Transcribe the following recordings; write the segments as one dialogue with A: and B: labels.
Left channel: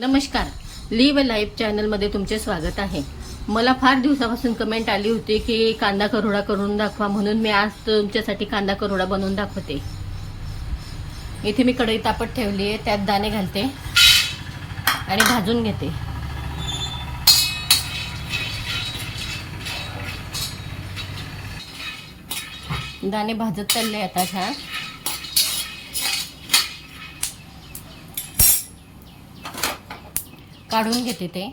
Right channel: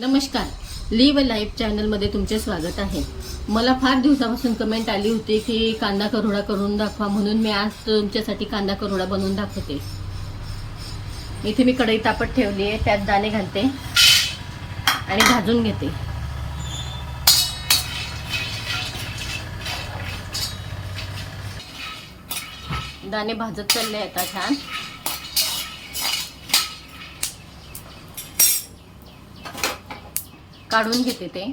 A: नमस्कार. Leave life चॅनलमध्ये तुमचे स्वागत आहे. मला फार दिवसापासून कमेंट आली होती की कांदा करोडा करून दाखवा म्हणून मी आज तुमच्यासाठी कांदा करोडा बनवून दाखवते. इथे मी कढई तापत ठेवली आहे त्यात दाणे घालते आणि भाजून घेते. दाणे भाजत चालले आता छान. काढून घेते ते.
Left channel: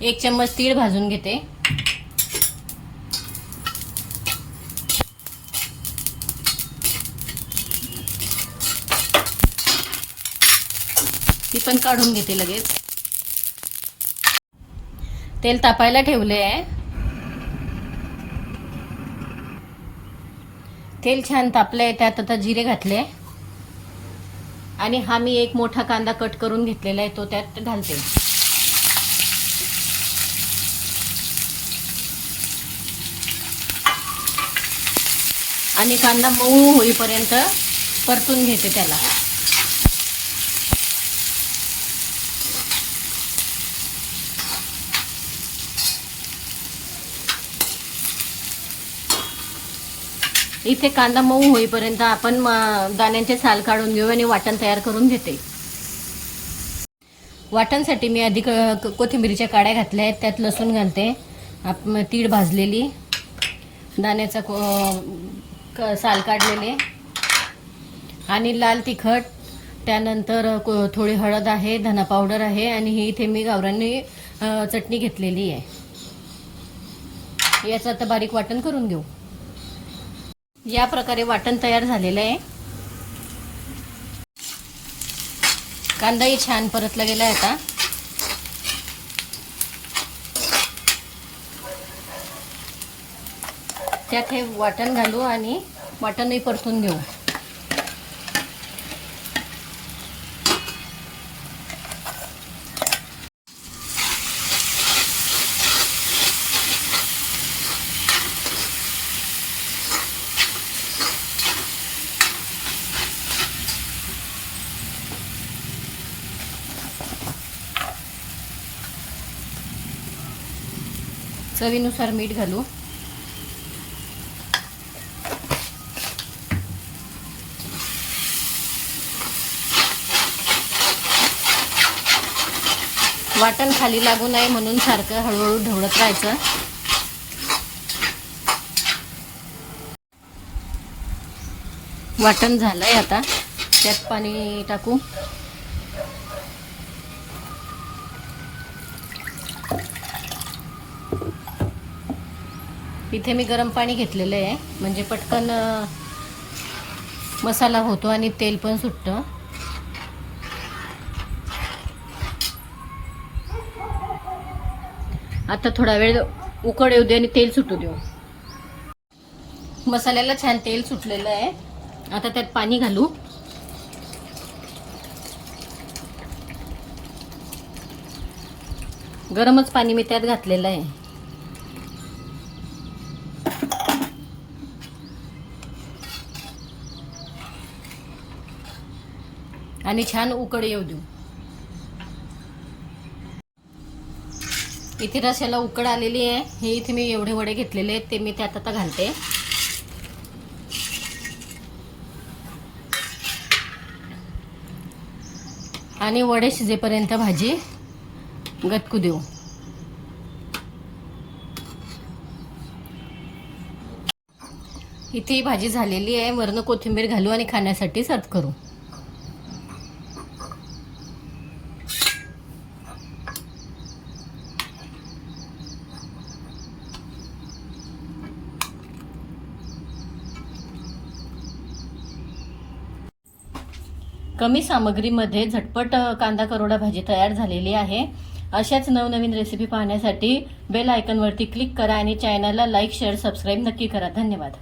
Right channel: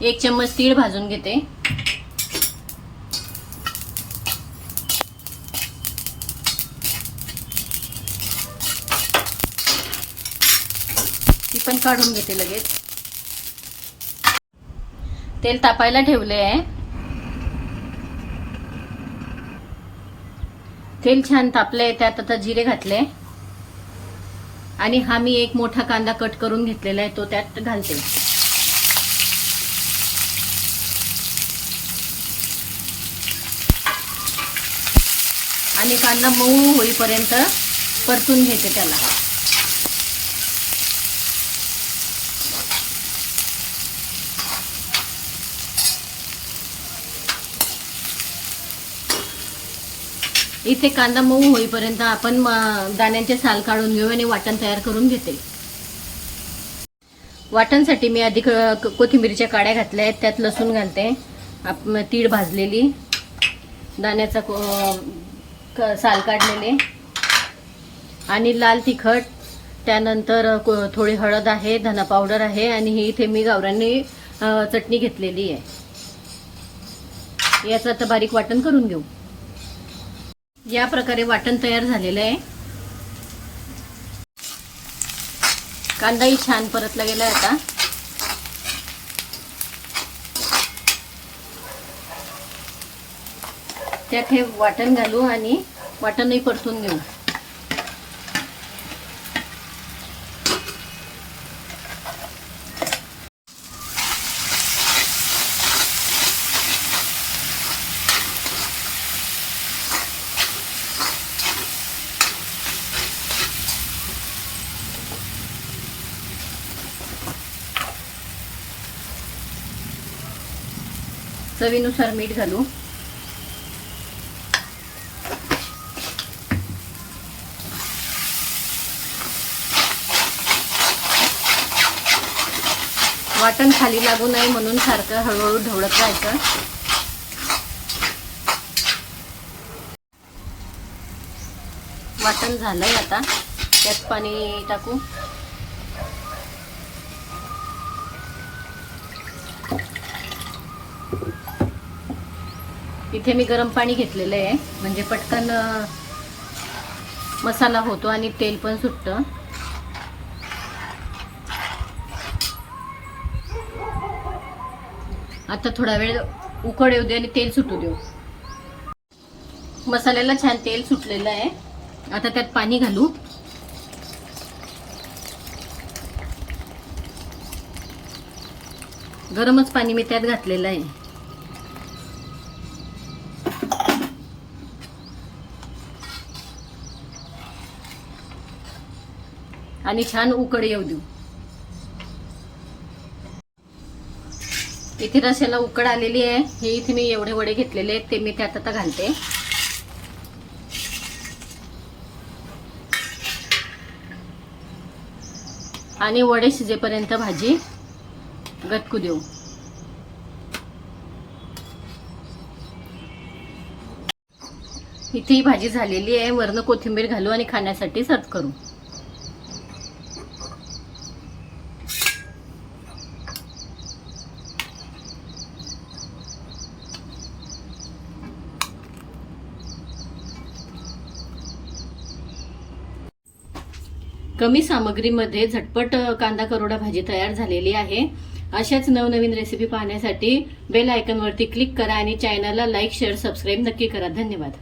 A: एक चम्मच तीळ भाजून घेते. ती पण काढून घेते लगेच. तेल तापायला ठेवले आहे. तेल छान तापले त्यात आता जिरे घातले. आणि हा मी एक मोठा कांदा कट करून घेतलेला आहे तो त्यात घालते. आणि कांदा मऊ होईपर्यंत परतून घेते त्याला. इथे कांदा मऊ होईपर्यंत आपण म, दाण्यांचे साल काढून घेऊ आणि वाटण तयार करून घेते. वाटणसाठी मी आधी कोथिंबीरीच्या काड्या घातल्या आहेत त्यात लसूण घालते. आप- तीळ भाजलेली. दाण्याचा को- क- साल काढलेले. आणि लाल तिखट. त्यानंतर थोडी हळद आहे धना पावडर आहे आणि ही इथे मी गावरांनी चटणी घेतलेली आहे. याचं आता बारीक वाटण करून घेऊ. या प्रकारे वाटण तयार झालेलं आहे. कांदाही छान परतला गेला आहे आता. त्यात हे वाटण घालू आणि वाटणही परतून घेऊ. चवीनुसार मीठ घालू. वाटण खाली लागू नये म्हणून सारखं हळूहळू ढवळत राहायचं. वाटण झालंय आता. त्यात पाणी टाकू. इथे मी गरम पाणी घेतलेलं आहे. म्हणजे पटकन मसाला होतो आणि तेल पण सुटतं. आता थोडा वेळ उकड येऊ दे आणि तेल सुटू देऊ. मसाल्याला छान तेल सुटलेलं आहे. आता त्यात पाणी घालू. गरमच पाणी मी त्यात घातलेलं आहे. आणि छान उकड येऊ देऊ. इथे रश्याला उकड आलेली आहे. हे इथे मी एवढे वडे घेतलेले आहेत ते मी त्यात आता घालते. आणि वडे शिजेपर्यंत भाजी गटकू देऊ. इथे ही भाजी झालेली आहे. वरनं कोथिंबीर घालू आणि खाण्यासाठी सर्व करू. कमी सामग्रीमध्ये झटपट कांदा करोडा भाजी तयार झालेली आहे. अशाच नवनवीन रेसिपी पाहण्यासाठी बेल आयकनवरती क्लिक करा आणि चॅनलला लाईक शेअर सबस्क्राईब नक्की करा. धन्यवाद.